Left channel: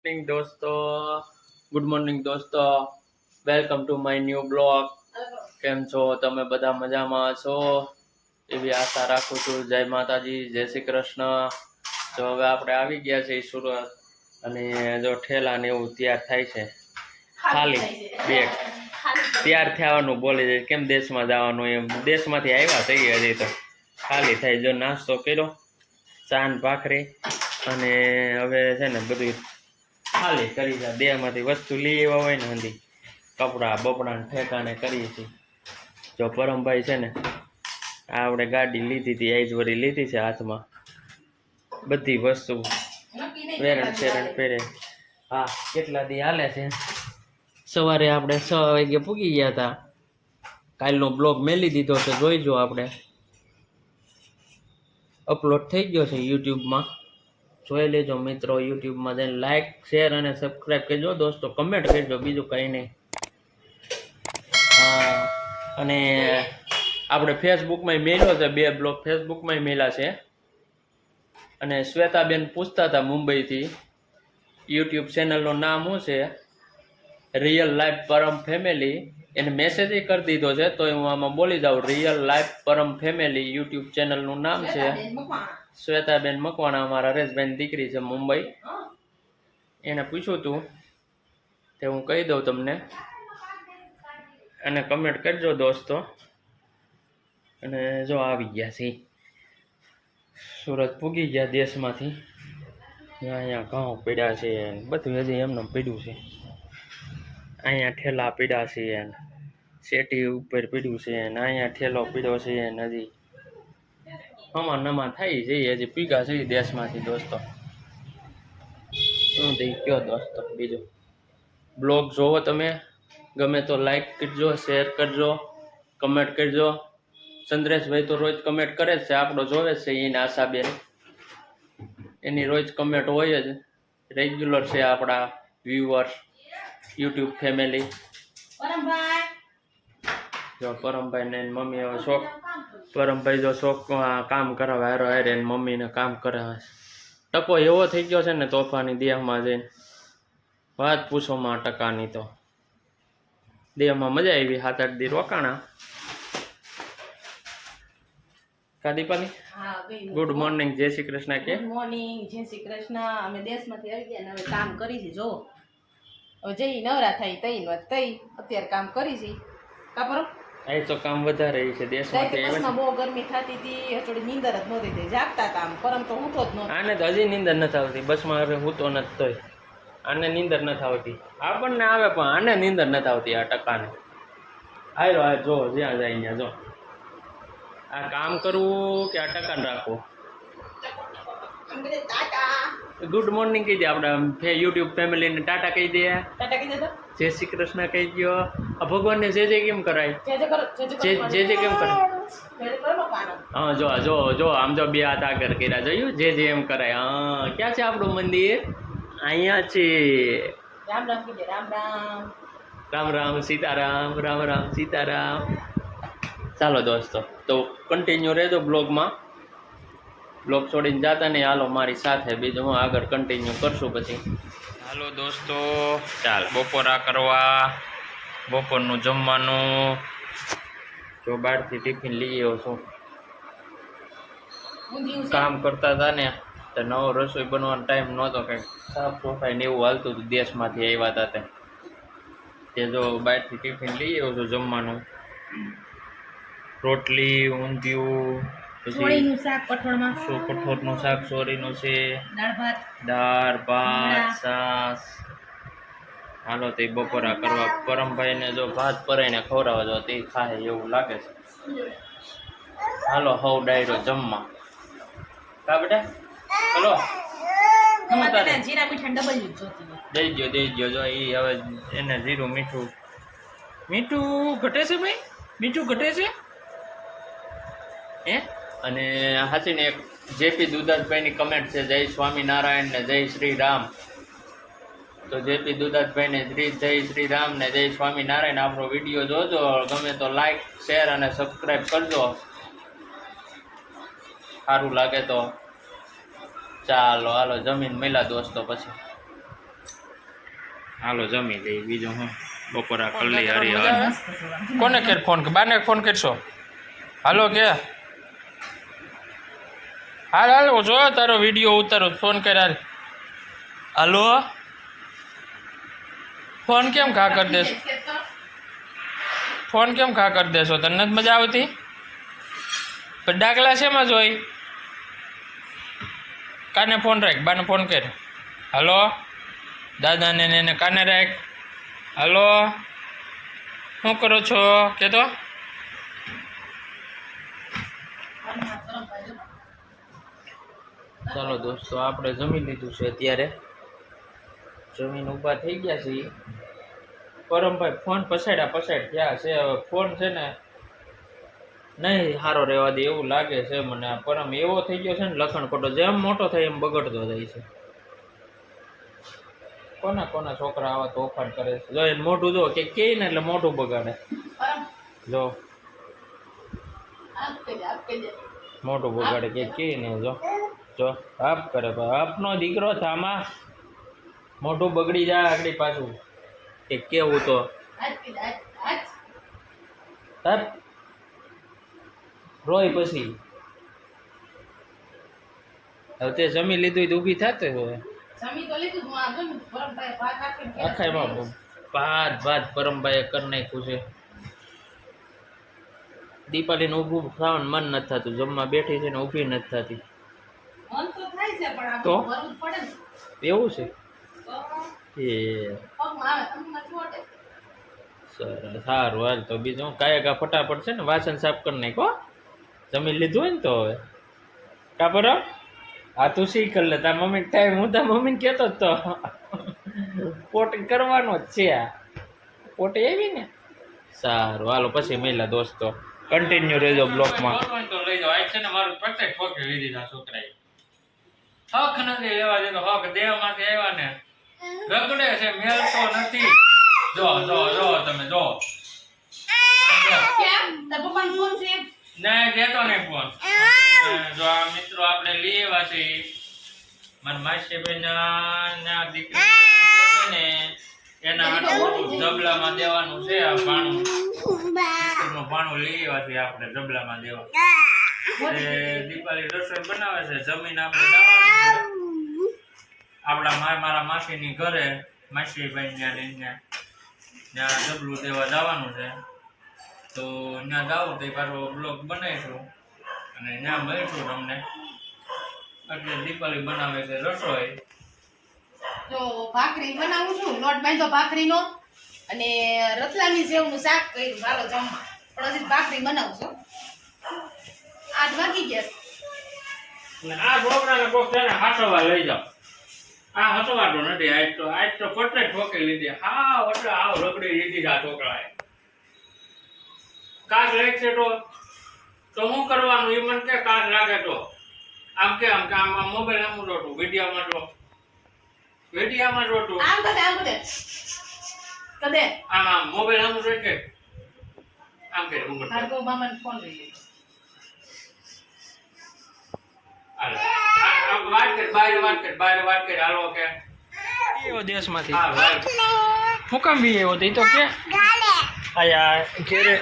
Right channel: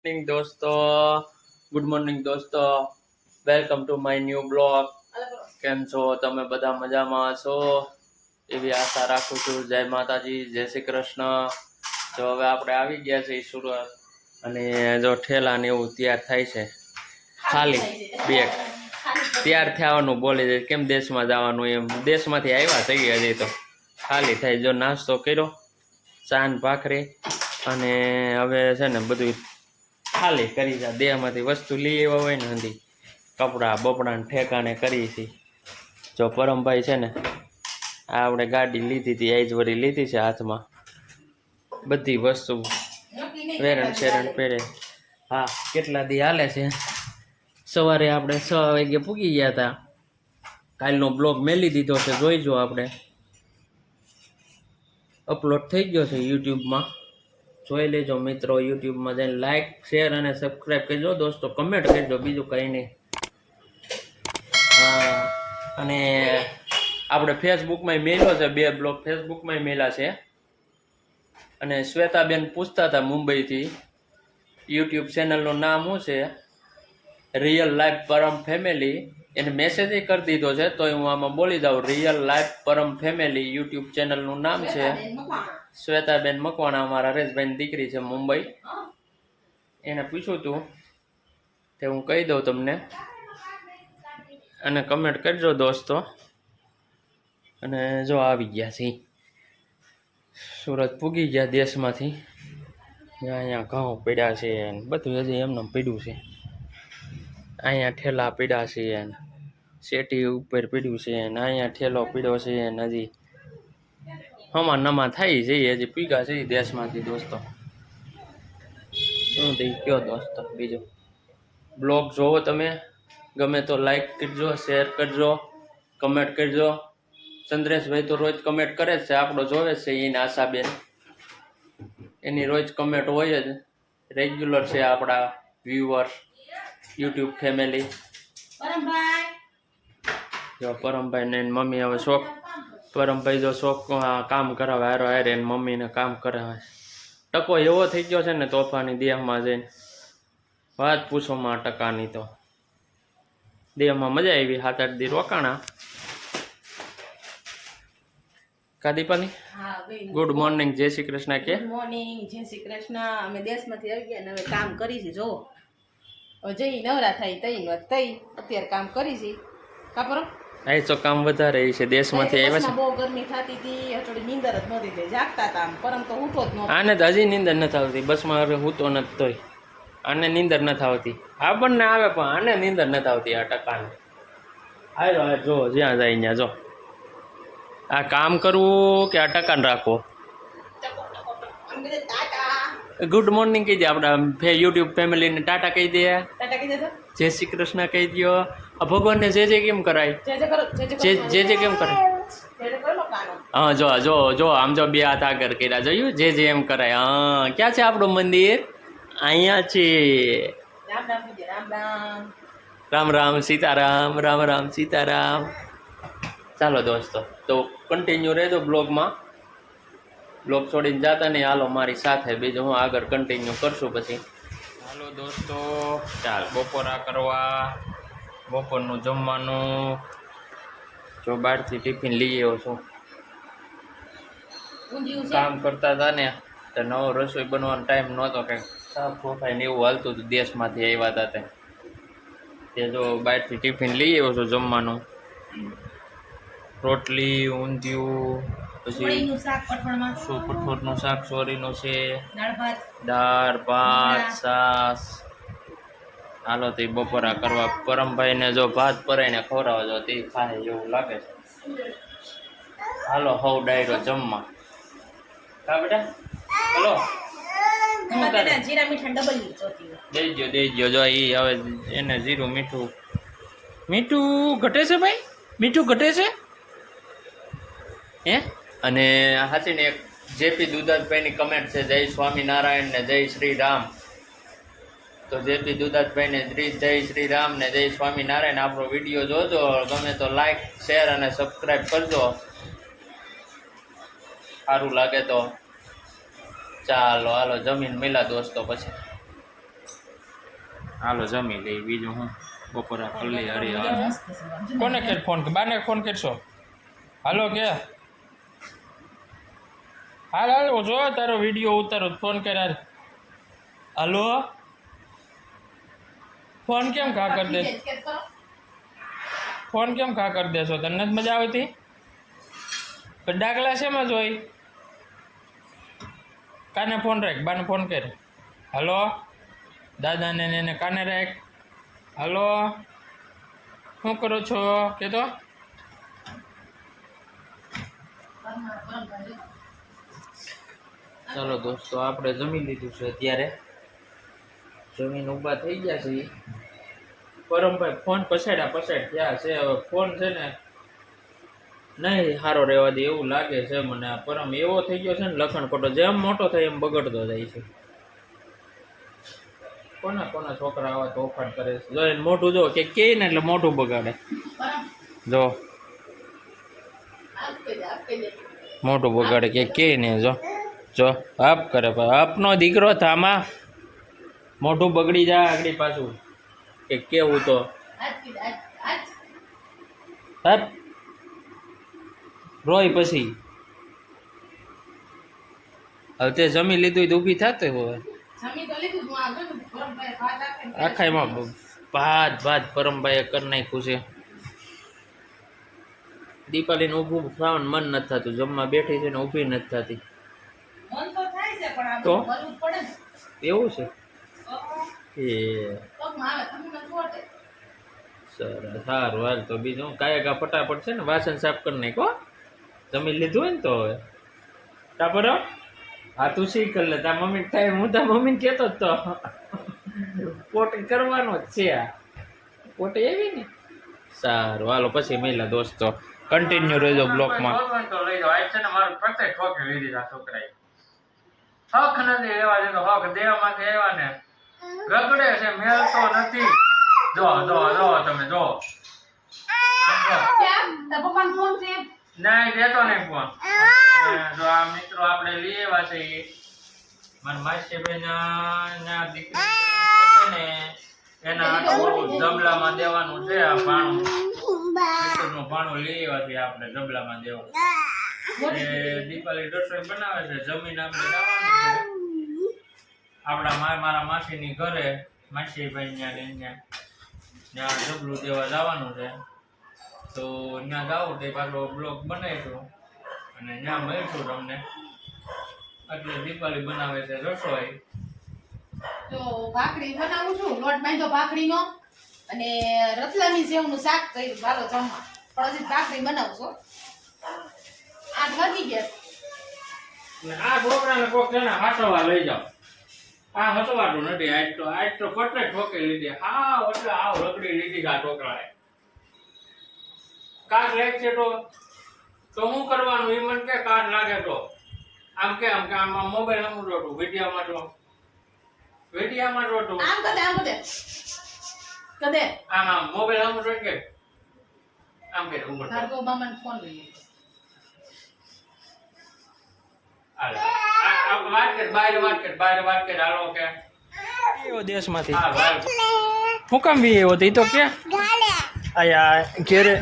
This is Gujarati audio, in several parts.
મોર્નિંગ દોસ્તો, ગુડ મોર્નિંગ દોસ્તો, welcome to my new blog. કેમ છો તમે? બધા મજામાં છો એવી આશા રાખું છું. જય માતાજી, જય શ્રી કૃષ્ણ. જો હવે આપણે આવી ગયા છીએ સુરત, અને જો ઠેલા ને એવું તૈયાર થાય છે. ખાલી બેગ તૈયાર થવાનું બોલી જાય, કેમ દેશમાં જવાનું એમ. દેશમાંથી આવ્યા થઈ હજી તો ખાલી થાય. જો નાસ્તો કર્યો, ચાન ભાખરી, અને હવે છે ને બધું ખાલી કરી જાય. દેહમાંથી વસ્તુ લઈ આવ્યા હોય ને હંધી કપડાં બપડાને ઠેકાણે કરી હતી. જો પરમભાઈ છે ને આ આપણે ગાડી લીધી હતી, આઈજવરી લીધી છે હાથમાં, બધી વસ્તુ વેરણ શેરણ પહેરે. હા, કેટલા દી હાલે છે. સવારે આપણે 6 વાગે પૂગી ગયા હતા. કાલનો બ્લોગ મેલી દીધો છે, જોઈજો. આપણે અપલોડ થઈ ગયો છે યુટ્યુબમાં, જોઈ લેજો મિત્રો. યુટ્યુબમાં જઈને લાઈક, શેર અને સબસ્ક્રાઈબ કરજો દોસ્તો. કમેન્ટ કરજો, બીજું કંઈ નહીં. હા, અને આપણે ફેસબુકમાં મેલ્યો છે, 2 બ્લોગ ફેસબુકમાં મેલા છે. અને શ્વેતાબેન પૂછતા હતા મુંબઈથી, યુટ્યુબ ચેનલનું નામ શું છે? રિયલ લાઈફ પરમ ફેમિલી. એને મેસેજ કરી દીધો છે, તો હું આમાં બોલી જાઉં. રિયલ લાઈફ પરમ ફેમિલી યુટ્યુબ ચેનલનું નામ છે. શ્વેતાબેન મકવાણા, અમારા હરેશભાઈની દીકરી છે મુંબઈ. એને પૂછ્યું હતું તે હું કહી દઉં તમને, અને કમેન્ટ કરજો દોસ્તો. અને જો આવી ગયા છે સુરત, પૂગી ગયા દેશમાંથી. અહીંયા ઘઉં પીડ્યા છે, બધું હજી એમને પીડ્યું છે. અહીંયા ઠેલા પીડ્યા છે, શેટી ઉપર પીડ્યું છે, અહીંયા ઠેલો પીડ્યો છે. હજી હમા નમા થાય છે, હજી પીગા છે દેશમાંથી દોસ્તો. શું થઈ કયો દોસ્તો? બીજું બ્લોગ જોવો તમે, ગમે તો લાઈક કરજો, શેર કરજો, કમેન્ટ કરજો. ચંદ્રેશભાઈ તો રોજ કમેન્ટ કરે જ છે, આપણો જોવે છે એને. આશાબેન એની રોજ કમેન્ટ હોય જ, રેગ્યુલર છે આપણા વ્યુઅર્સ, યુટ્યુબ ફેમિલી. જો પરમભાઈ ને મમ્મી હવે શોખ, પરમભાઈ જો શોખ કામ કરાવે હારો હારે, એને મમ્મીને કામ કરાવે. ટકો એવો થઈ ગયો છે ને તોફાની દેહમાં જઈને, વાત પૂછોમાં. ટકાની તો દેહમાં મજા આવી. 7-8 દી રોકાણા. કાદીપાલી, ગુડ મોર્નિંગ, જય શ્રી કૃષ્ણ. કે ગુડ મોર્નિંગ, જય શ્રી કૃષ્ણ. અમે દેશમાંથી આવી ગયા ને હવે કામ કરી છે. જો જઈ નવરા થાય તઈ અત્યારે કામ કરી છે. કાપરો અહીં તો કામ વધારે છે. દેશમાંથી આવ્યા છે. બહુ ગરમી થતી હતી, થોડી નીંદર જ નહોતી થઈ. જાગતા હતા આમ, પરમ તો ઉઠો જ નહોતો. આને તો હજી નીંદર નથી આવતી. બસમાં હવે હું તો નથી તોય આને નીંદર નથી આવતી. આપણને આવે પણ આને નીંદર નથી આવતી. આ ટકાને આયરો આ જો જ્યાં જાય ત્યાં જો. આ કામ કરવું કે આ ટકાને રાખવો? ગુડ મોર્નિંગ કહી દે આપણા યુટ્યુબ ફેમિલીને. ટાટા કહી દે. ટાટા કહી દે. જય શ્રી કૃષ્ણ કહી દો. આ ભગવાનને જે કેમ કરાય? જે કેમ કરાય? હા, જો જો જો આમ જો 2 હાથ આગળ કર્યા, જોયું? જે એમ કરાય. હા, ક્યાં છે આપણું મંદિર? અહીંયા છે. રામ રામ કીધે. રામ રામ, રામ રામ સીતારામ, રામ રામ સીતારામ. ચાલો દોસ્તો, તો કન્ટિન્યુ રહેજો બ્લોગમાં. બ્લોગ છોડીને જતા નહીં, હાલો મારી સાથે. બીજું હું આગળ કન્ટિન્યુ કરશું પછી. હાલો દોસ્તો, ચાલ બપોરા કરવા. બપોરનું જમવાનું જો બહારથી ટિફિન લઈ આવ્યો છું. કામ કરતા હતા ને તો નવો રસોઈ બનવાનો ટાઈમ નહોતો, કંઈક સાફ સફાઈ ને એવું હાલતું હતું. દેશમાંથી આવ્યા હતા તે જો બહારથી ટિફિન લઈ આવ્યો છું જમવાનું. રોટલી, ઊંધિયું, પછી કઠોળનું શાક, સોરીનું છે, દાળ ભાત, છાશ. હાલો તે બપોરા કરવા. પરમભાઈને જો ભાત પરાઈને ખવડાવવા જો તે ખાય એવું લાગે છે. હાલો હવ ડાયરો જમવા. કા બેટા? હલો જીરા મીઠા ડબલ જોતી દઈ ગયો જો. એ હવે એને જીરું મીઠું ઘટે છે ભાઈ, મીઠું ઘટે છે હે. અને હાચીને એક જેપી દુધાતભાઈની કમેન્ટ છે, જય સ્વામિનારાયણ ને જય શ્રી રામ. તો જેપી દુધાતભાઈને જય શ્રી રામ ને જય સ્વામિનારાયણ. આપણો વિડીયો જોજો, ગમે તો લાઈક, શેર અને સબસ્ક્રાઈબ કરજો, સારું લાગે તો. ચાલો હાલો જમીન મળ્યા દોસ્તો પછી. હાલો જમી લઈ, બીજું હું બપોરા કરી લઈ હરી હવે. કોને કેર ફોન બાને ફોન કરશો? હાલો કે હાલ હાલ હું જો તારો વિડીયો ઉતારો, ફોન કર હાલ. હાલો ફોન કેમ ખા કરી દેશો? ફોન કેમ ખા કરી દેશો? તને નથી મજા આવતી? પણ ડાકલા શેમાં જોઈ? કાને ફોન રાખ, બાને ફોન કર. હાલો દાદાને ને એને કાને રાખ. હાલો શું કરો છો કે તો? ચાલો દોસ્તો, આપણે જમી લીધું છે, અત્યારે જમીન ઊભા થઈ ગયા છે. પરમભાઈ ફોન પછાડ ગયા છે. હવે ફોન છે ને નહીં સારો રહેવા દે એવું લાગે છે મને. આ પરમ એવો થઈ ગયો છે ને લખણ ખોટો, જેમ મોટો થાય એમ બગડતો જાય છે. કોના કોના છોકરા આવા તોફાન કરે છે? જો એને મોઢું જો કે ને એટલે મોઢું બગાડે. જો મોઢું બગાડે કે ને જો જો આપ કરે. આપનો દીકરો થામાં મોઢું બગડી જાય આગળ પાછું કે કેવું તો હપ રોય પછી. હવે તે જમી લીધું તો ઊભી થતો હોય આખાઈમાં ભાત ભાત પરમભાઈએ કરી નાખ્યું છે. દીપાલીને ઊભું થવાનું મન નથી થતું, જમવા બેઠી છે ને ઊભી નથી થતી. તો એવું છે કે સરસ સારું હાલ તો બીજું કાયકા ફટાફટ છે ને વાસણ સાફ કરી નાખો. જમી લીધું હોય ને તો હવે કા પર આ તું શીખ લે. તાર મમ્મી ટાઈમ હું તાર મમ્મીને કહેતો જ તો પોટી કરવાનો જ છે. આ પોટી આવી ને સારું હાલો પછી મળ્યા દોસ્તો. કન્ટિન્યુ રહેજો બ્લોકમાં. તો લઈ જાઓ. આજ છે ને મારું ફક્ત ઠોકી લીધી આ છોકરાએ. હક નથી લેવા દેતો. હક દેહમાંથી આવ્યા ને ગગડે છે, મેળતો નથી. જો જો જો તમે જો નહીં દેતો નહીં ફોન. જો આ મિત્રો આપણે લઈ આવ્યા છે મારા માસીબેન ના દીકરી ને એના આટલું જબલામાં દેવાનું છે. આ ભાણું નું ભાણું લઈ આવ્યા છે આપણે જબલામાં દેવા. દીપાલી રસોઈ બનાવે છે, જમીન આપણે લાવવાનું છે આપણા મારા માસીની ઘરે. માસીભાઈ ત્યાં જબલું દેવા જવાનું છે, તો ત્યાં જાવું તો પાછો બ્લોગ બનાવીશું અને ત્યાં મળીશું તમને. એટલે દીપાલી બનાવે છે રસોઈ. તો ભાખરી બનાવું છું, લોટ બાંધો ભાખરીનો અને રતલામી સેવનું શાક કર્યું. ચાલો જમવા, પણ હજી ભાખરી બનાવું છું. 8 વાગી ગયા. આ છોકરાને કોક છે ને હાસવા લઈ જાઓ. આ હસવાતું નથી. આજ તો પટે ઠોકી લીધી. હા એટલે આવ રગડી લીધી આ છોકરાએ. કાચ લાગશે તો શું કરવાનું? એ મને કે કાચ લાગે તો આમ કે આમ મોબાઈલ આમ જોતું, વિડીયામાં જોતું કદે આમ મોબાઈલ આમ જોઈ કે આમ કે ઉપર ભાર્ગવ મામાને ફોન લઈ વાત કર હાલો કે એવો દેશમાંથી હું કામ બી એવો તો કે આયા ઘેરે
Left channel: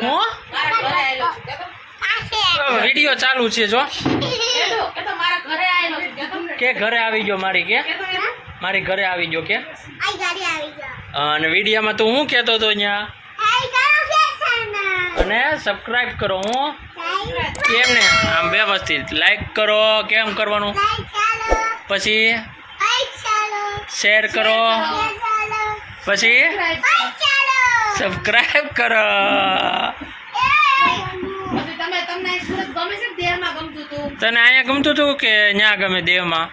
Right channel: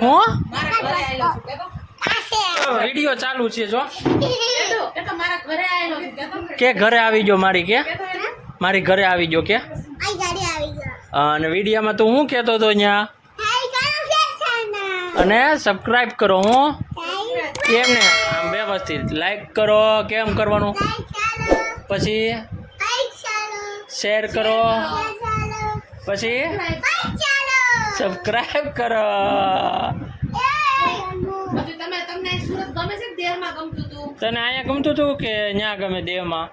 હું વિડીયો ચાલુ છે જો કે ઘરે આવી ગયો મારી કે મારી ઘરે આવી ગયો કે અને વિડીયામાં તું હું કહેતો હતો અહીંયા અને સબસ્ક્રાઇબ કરો. હું કેમ ને આમ વ્યવસ્થિત લાઈક કરો. કેમ કરવાનું? પછી શેર કરો, પછી સબસ્ક્રાઇબ કરો. તને અહીંયા ગમતું હતું કે ત્યાં ગમે દેવમાં?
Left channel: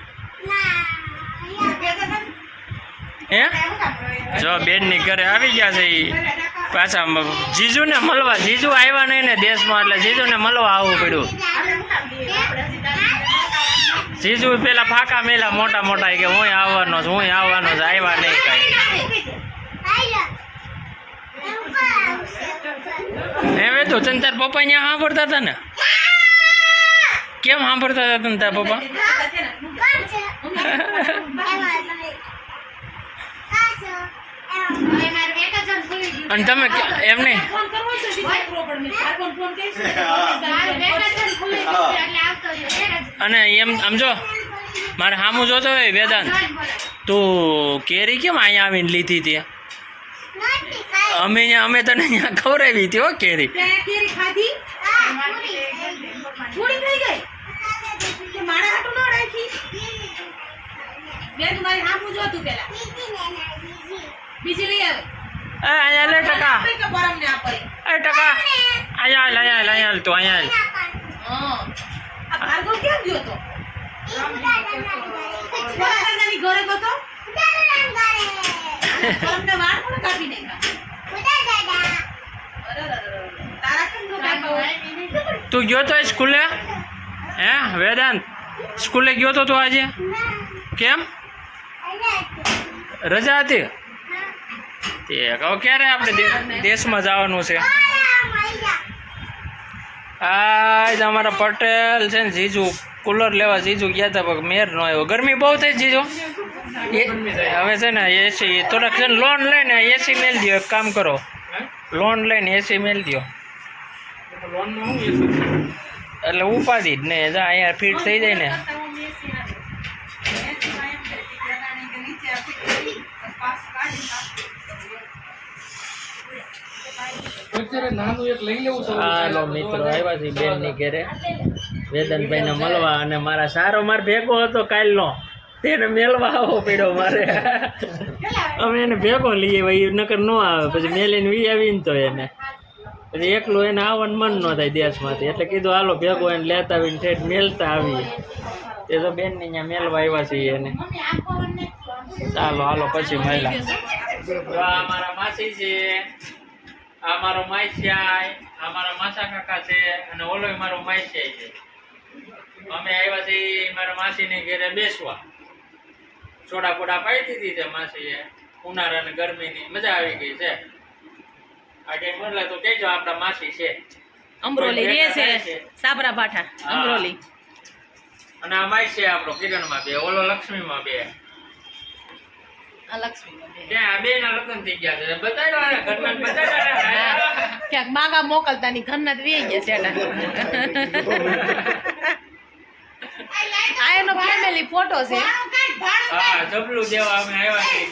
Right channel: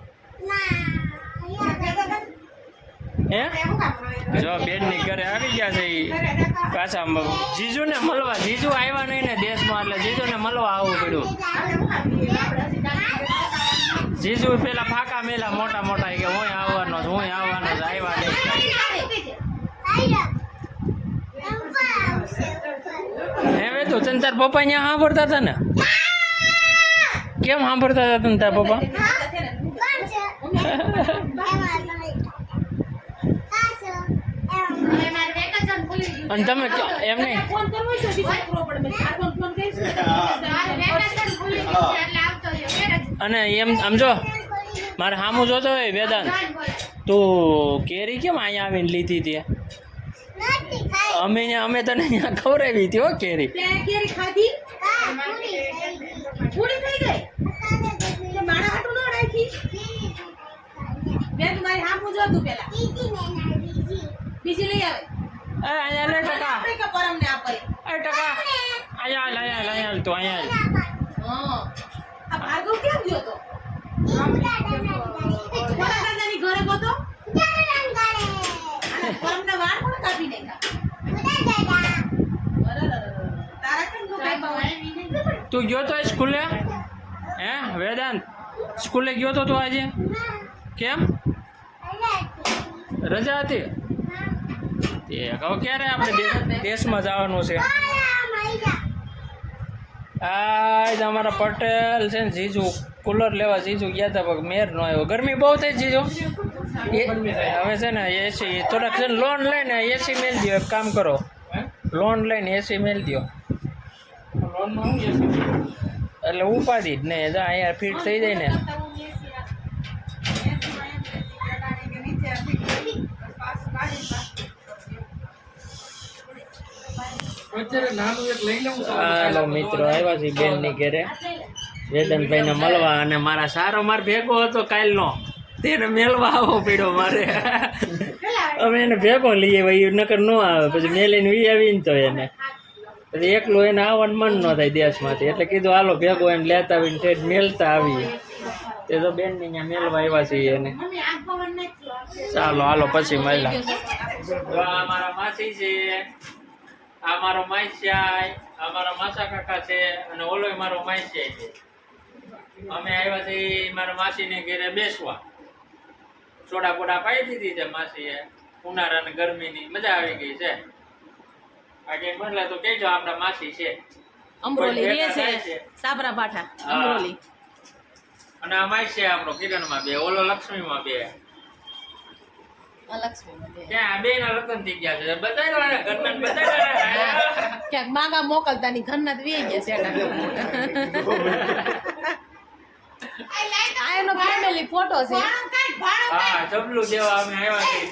હે જો બેનની ઘરે આવી ગયા છે ઈ પાછા જીજુને મળવા. જીજુ આવ્યા નહીં ને દેશમાં, એટલે જીજુને મળવા આવવું પડ્યું. જીજુ પેલા ફાંકા મેલા મોટા મોટા કે હું આવવાનો જ આવ્યા નહીં કાંઈ. હવે તો તને તાર પપ્પા અહીંયા સાંભળતા હતા ને? કેમ સાંભળતા હતા તને તાર પપ્પા? હવે મારે વેકેશન ખુલી ગયું. અને તમે એમ નહીં ફોન કરવો છે બીજા કરો પણ મેં તાર ફોન કરીશ ને મારે વેકેશન ખુલી ગયું છે એટલે આવતો રહ્યો. અને એમ સમજો મારે સામું જોતો હોય વેદાંત તું કેરી કેમ અહીંયા આવીને લીધી હતી અમે તને અહીંયા ખવડાવી હતી હો કેરી ત્યાં કેરી ખાધી પૂરી થઈ ગઈ એટલે મારા હાટું ન રાખી બેન મારી હામું જોતું પેલા બીજી લઈ આવે એ અહીંયા લે ટકા આપણે કે પરમને આપે એ ટકા અહીંયા હાલ તું અહીંયા હાલ. હા આ ભાર્ગવ કેમ ગયો તો મારા દાદાની ઘરે ગયો તો પરમને વાળ કોણ કાપી નાખ્યા તારા કેમ નો કાપ્યા તું ગયો તો સ્કૂલે હે વેદાંત સ્કૂલે ગયો તો તું આજે કેમ રજા હતી તે કહો ક્યારે આપણે દેશમાં જવાનું છે આજ અમારા પટેલ છે ને જીજુ કુલર લેવા જીજુ ગયા હતા પણ મેર નો આવ્યો ગરમી બહુ થઈ જીજુ હવે છે ને એસી થોડાક છે ને લોન લઈને એસી મેલ દો એક કામ કરો લોન લઈને એસી મેલ દો એટલે ઉપાધિ જ નહીં જા અહીંયા ફિટ થઈ જાય ને હાલો મિત્રો આવ્યા છે બેન ની ઘરે વેદનભાઈ ને મળવા અને મારા સારો માર ભેગો હતો કાલનો તેને મેળવા આવો પડ્યો મારે અમે એને ભેગો લઈએ ભાઈ નકર ન આવે પછી મેલીને વી આવીને તો એને પછી એકલું એને આવવાનું મન ન થાય દેશમાંથી એટલે કીધું હાલો ભેગો એને લેતા આવીને ઠેઠ મેલતા આવીએ તે તો બેન ને અહીંયા મેળવા આવ્યા છીએ એને ચાલો હાલો પછી મળ્યા આ મારા માસી છે આ મારો માઈસિયાય આ મારા માસા કાકા છે અને ઓલો મારો માઈસિયાય છે અમે આવ્યા છીએ મારા માસીને ઘરે બેસવા સોડા પોડા પાઈ દીધી છે માસીએ ઉનાળા અને ગરમીની મજા આવી ગઈ છે આ કઈ મળે તો કહેજો આપણા માસી છે અમરોલી રે છે સાબરા પાઠા અમરોલી અને આ માઈસિયા આપણો કિરણમાં બે ઓલો લક્ષ્મીમાં બે ત્યાં બે ના લગ્ન થઈ ગયા છે બતાવ્યો ને ઘરના બતાવ્યો ક્યાંક માગા મોકલતા ની ઘરના જ વી ગયા છે આ એનો ફેમિલી ફોટો છે હા જબલું દેવા અમે આવ્યા છીએ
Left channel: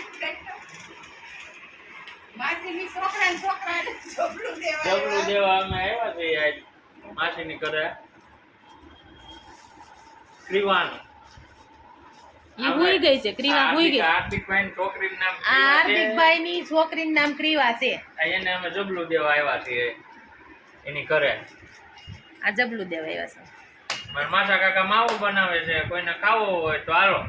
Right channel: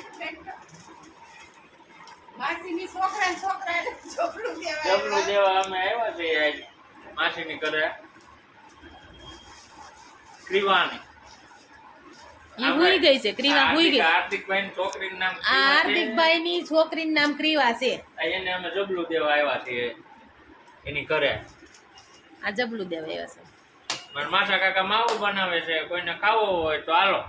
માસીની છોકરા ને છોકરા જબલું દેવા અમે આવ્યા છીએ આજ માસીની ઘરે ક્રિવાની ઈ હુઈ ગઈ છે ક્રીવા હુઈ ગઈ હાર્દિકભાઈ છોકરીનું નામ આ હાર્દિકભાઈ ની છોકરીનું નામ ક્રીવા છે એને અમે જબલું દેવા આવ્યા છીએ એની ઘરે આ જબલું દેવા આવ્યા છે મારા માસા કાકા માવો બનાવે છે કોઈને ખાવો હોય તો હાલો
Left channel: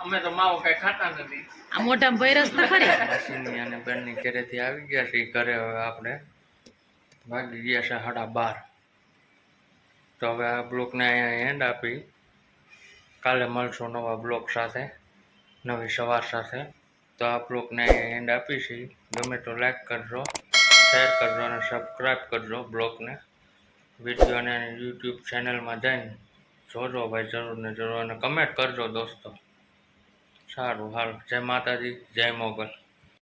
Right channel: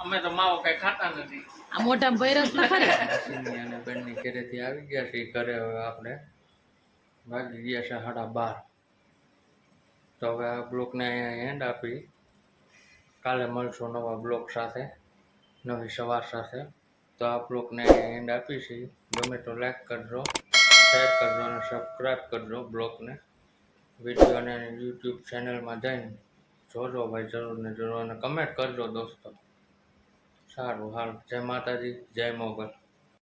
અમે તો માવો કઈ ખાતા નથી આ મોઢામાં ભૈરસ તો ખરી માસીની અને બેનની ઘરેથી આવી ગયા છે ઘરે હવે આપણે ભાગી ગયા છે 12:30 તો હવે આ બ્લોકને અહીંયા એન્ડ આપી કાલે મળશું નવા બ્લોગ સાથે નવી સવાર સાથે તો આ બ્લોગને અહીંયા એન્ડ આપી છે ગમે તો લાઈક કરજો શેર કરજો અને સબસ્ક્રાઈબ કરજો બ્લોગને વિડીયોને યુટ્યુબ ચેનલમાં જઈને જોજો ભાઈ જરૂર ને જરૂર અને કમેન્ટ કરજો દોસ્તો સારું હાલ જય માતાજી જય મોગલ